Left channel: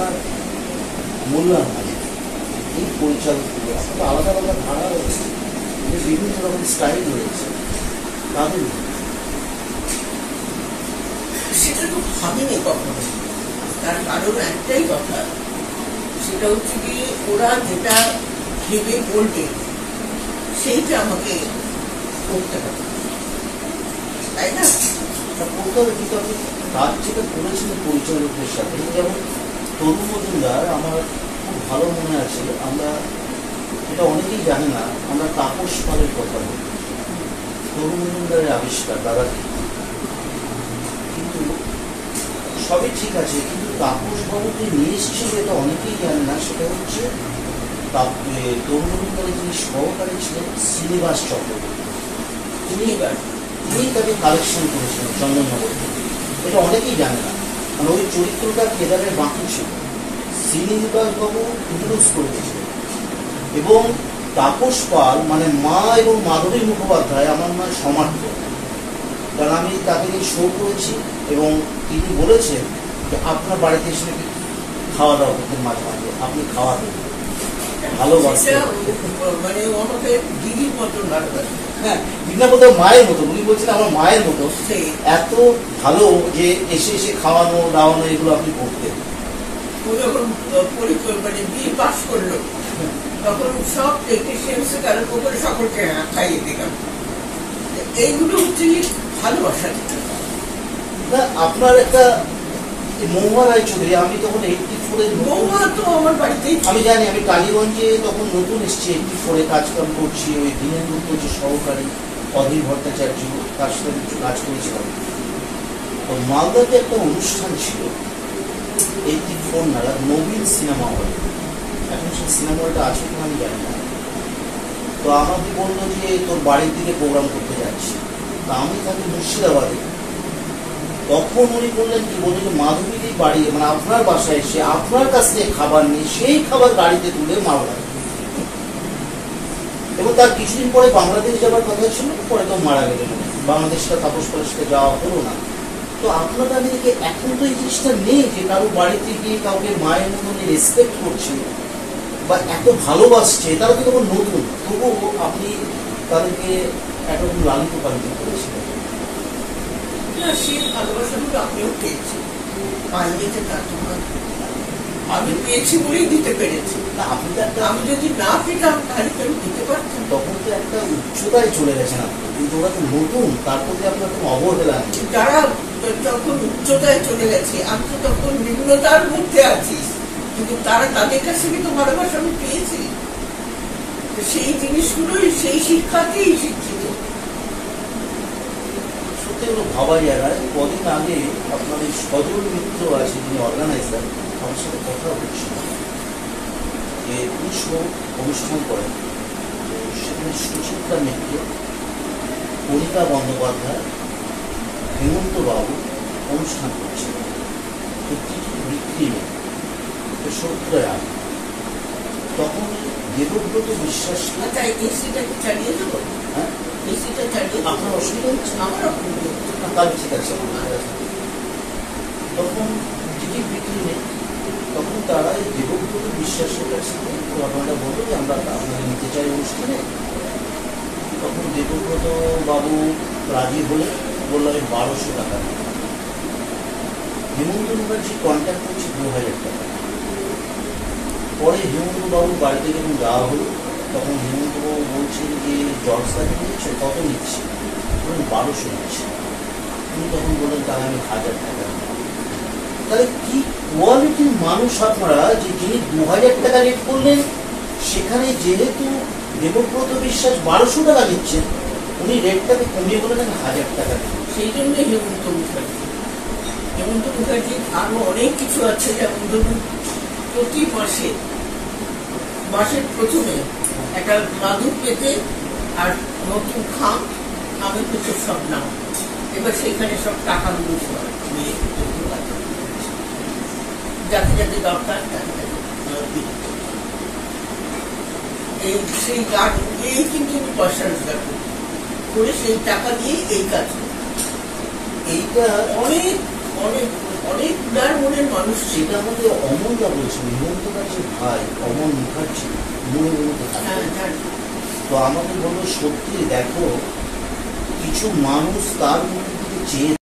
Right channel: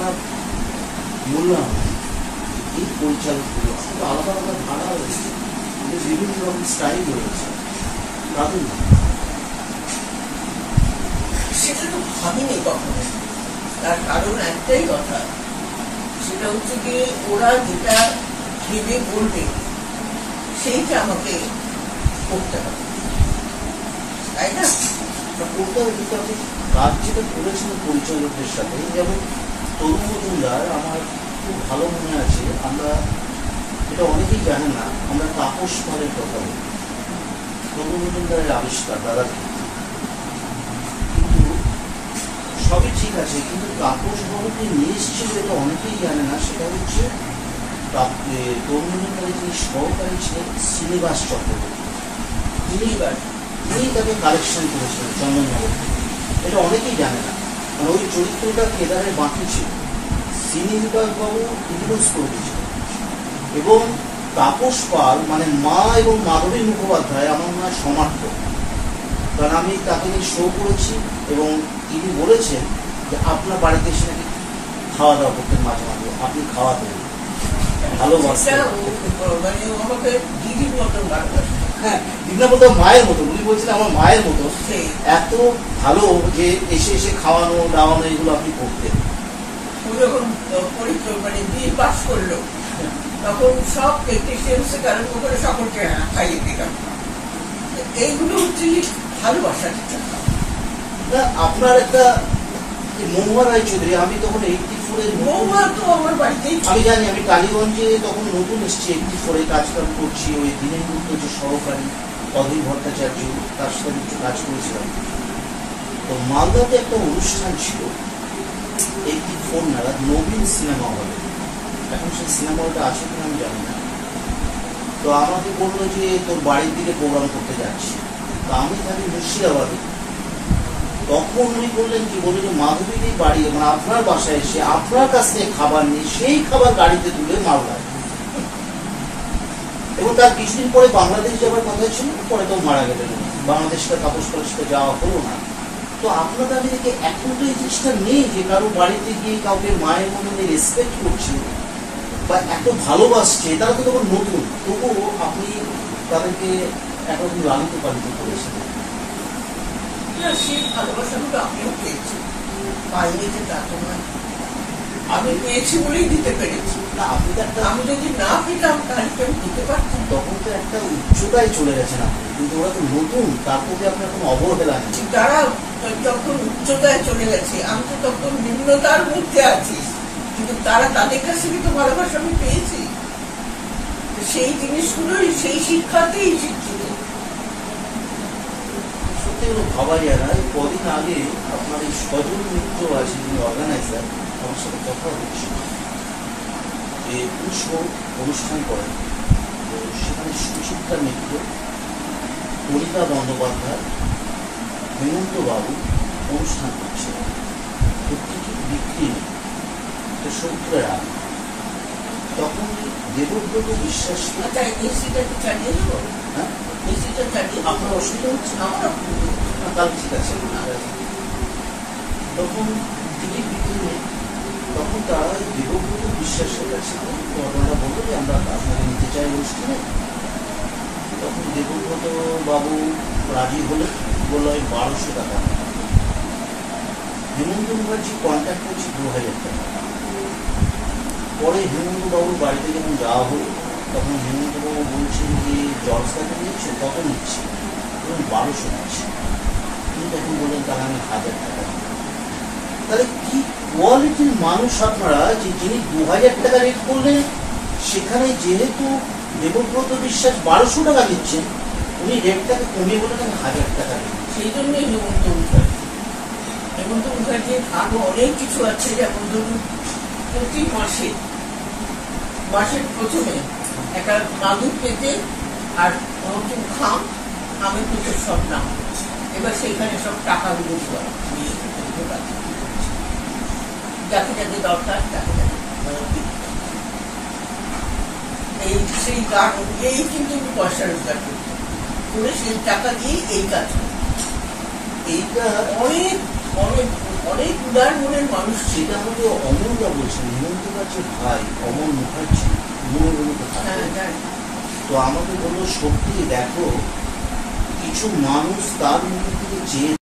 আপনার মূল্যায়ন এই পরিচালকগুলো আপনার আলাদা আলাদা ধারা রয়েছে, বিভিন্ন রকম স্টাইল রয়েছে, তাদের সেটা তো ভাবিনি কখনো। তার কারণ একটাই কথা, সেটা হচ্ছে গিয়ে ওরা যেটা ভেবে বলবে সেইটা আমাকে করতে হবে, তাই না? করতে হবে। কিন্তু আপনি কাজ যেটা করেছেন পরিচালকদের সাথে, যেমন তরুণ মজুমদার আমার খুব ভালো মনে আছে, আমরা এটা অনেকেই জানে না, আমরা তাপস পালের কথা বলি, তরুণ মজুমদারের আবিষ্কার দাদা, কিন্তু সবই ঠিক আছে, কিন্তু তাপস বাবুকে নিয়ে এসেছিল এটা অনেকেই জানে না, সেটা হচ্ছে তরুণ মজুমদারের যিনি সহকারী ছিলেন শ্রীনিবাস চক্রবর্তী, তিনি তাকে কালেকশন করেছিলেন চন্দননগর থেকে। এটা অনেকেই জানে না, মানে ওই চরিত্রটা কেদারের বাকি ছিল, শ্রীনিবাস বাবু ইন্ট্রোডিউস করে দিয়েছিলেন। এবং তাপস পাল মানে মা এবং মাধবী মুখোপাধ্যায় আমার নয় সমার্থ, কারণ আমি তাকে শো করেছি এবং তিনি বলেছেন যে আপনার বাড়িতে এসে নাকি খাওয়া দাওয়া করতেন মাঝে মাঝে, আপনি খাওয়া দেবেন ভালোবাসেন, মানে আমাকে দিদির মতন ভালোবাসে। হ্যাঁ, দিদিনা বলতে মায়ের মতো, উনি বলছেন আমার মায়ের মতো, এত ভালো যে এসে এসে খাওয়ানো দাওয়ানো এগুলো আপনি করতেন। যখন মানে বিয়ে পাস করলো তখন সব টেকনিশিয়ানস কারণ করে সকলকে খাইয়ে দিলাম। এইগুলো হচ্ছে ভালোবাসা। না, আপনার একটা মহুয়া রায়চৌধুরী, আমি তখন 84-এ, মহুয়া তো আমার বাড়িতেই, আমি জানি, আমি টালিগঞ্জে তখন নতুন এসেছি, 84-এ কাজকাম করছি, ওই দিনের মধ্যে যে সহকারী অধীর ভট্টাচার্য, তার সাথে কিছু কাজ করেছিলাম। তো মালদাতে একটা অনুষ্ঠান ছিল 84 নাগাদ নবীন সিনেমা হলে, এখন সেই সিনেমা হলটা আছে কিনা আমি জানি না। তো আমাকে বললো যে তোর বাড়ির দিকে প্রোগ্রাম করতে যাচ্ছি, তো আমি থাকি মুর্শিদাবাদে। তখন উনি বললেন কি, বললেন যে মাধবীদের বাড়ি মানে আপনার বাসায় এসে আপনার কাছ থেকে খাবার নিয়ে সেই খাবার গাড়িতে তুলে মালদায়, এবং তার কিছুদিন পরে বাংলাদেশ যাওয়ার কথা ছিল, পরে তো মারা গেলেন, বাংলাদেশটা তাপস পালের যাওয়া হলো না। তো আপনাদের আমাদেরকে এখন তো এই জিনিসটা নেই যে কারো বাড়িতে গিয়ে কাউকে মায়ের মধ্যে যে রেসপেক্ট করছে বা এত ভালোবাসছে, তারা তো তখন নতুন, তবুও আপনি তাদেরকে একরকম লালিত পালিত করেছিলেন। সেই ভালোবাসাগুলো আমিও পেয়েছি, পাইনি যে তাকে নয়, আমি পেয়েছি বলেই দিতে পেরেছি। আমি যদি না পেতাম তাহলে কেউ দিতে পারতাম। তখন তো একটা উচ্চতায় চলে গেছেন আপনি, কিন্তু ওরা তো নতুন, তার প্রতি আপনার কোনো অবহেলা নেই। তারা যখন উচ্চতায় চলে গেছে, আমি তো তখন নিম্নতার মধ্যে আছি, কিন্তু তারা তাদের কাছে কিন্তু ভালোবাসা আমি পেয়েছি। সেই জিনিসগুলোই সেই শিক্ষাকেই শিক্ষিত। এগুলো ভাবা যায় না। কদিন আগে আপনার এই সজল মিত্র আছে, যিনি অর্গানাইজার, আমার সাথে কথা হচ্ছিল যে উৎসব অনুষ্ঠান করেন, তো সেখানে সুচিত্রা মিত্র, কণিকা বন্দ্যোপাধ্যায়, হেমন্ত বাবু অনুষ্ঠান করছে, তো কিছু বিক্রি নেই, তো 70-এর আগে। তখন দেবব্রত বিশ্বাস চালিয়ে দেবো, হ্যাঁ আপনার অসুবিধা হচ্ছে, আমার অসুবিধা হচ্ছে, তাহলে ঠিক আছে। তখন টিকিট বিক্রি নেই, তখন তারা দেবব্রত বিশ্বাসের কাছে ঘটনাটা বলতো যে আমরা আপনাকে নিতে চাই অনুষ্ঠানে। তখন দেবব্রত বাবু রাজি হলে বললো আমি 1200 টাকা নেই। হেমন্ত মুখার্জি কন্ট্যাক্ট করছি 2000 টাকা। পরে হেমন্ত বাবুর বাড়িতে যখন যাওয়া হলো, তখন হেমন্তবাবু বলছেন যে জলসাকে নিচ্ছে, কত নিচ্ছে? 1200 নিচ্ছে। তিনি তখন বললেন তাহলে আমি 1000 টাকা নিই। তাহলে কি কোয়ালিটির মানুষ আপনারা, যে যিনি 2000 টাকা রেট করলেন, সেখানে যেহেতু দেবব্রত বিশ্বাস 1200 টাকা নিচ্ছেন, উনি রেটটাকে কমিয়ে বললেন 1000 টাকা। সেই জন্যই হেমন্ত মুখার্জির আরো অনেক কিছু আছে, যেমন ধরুন প্রতি মাসের প্রথমে একটা মাদুর পেতে আর নতুন খাম, আমি তো সব নাম, এবার সেখানে সব টাকাগুলো যাকে যাকে দরকার তাকে সেই গান এই কিন্তু পয়সা রোজগার করে সেই টাকা দিয়ে এই কাজ, এইটা অনেক অনেক অনেক উদার মনের মানুষ ছিল। সেটা আমাকে অমলদা বলছেন, হিমন্ত বাগচির ভাই অমল মুখার্জি মনোরণীতে থাকে। তো আমাকে বললো সত্যি দেখো কিছু মানুষ তার মনের দিকে চেয়ে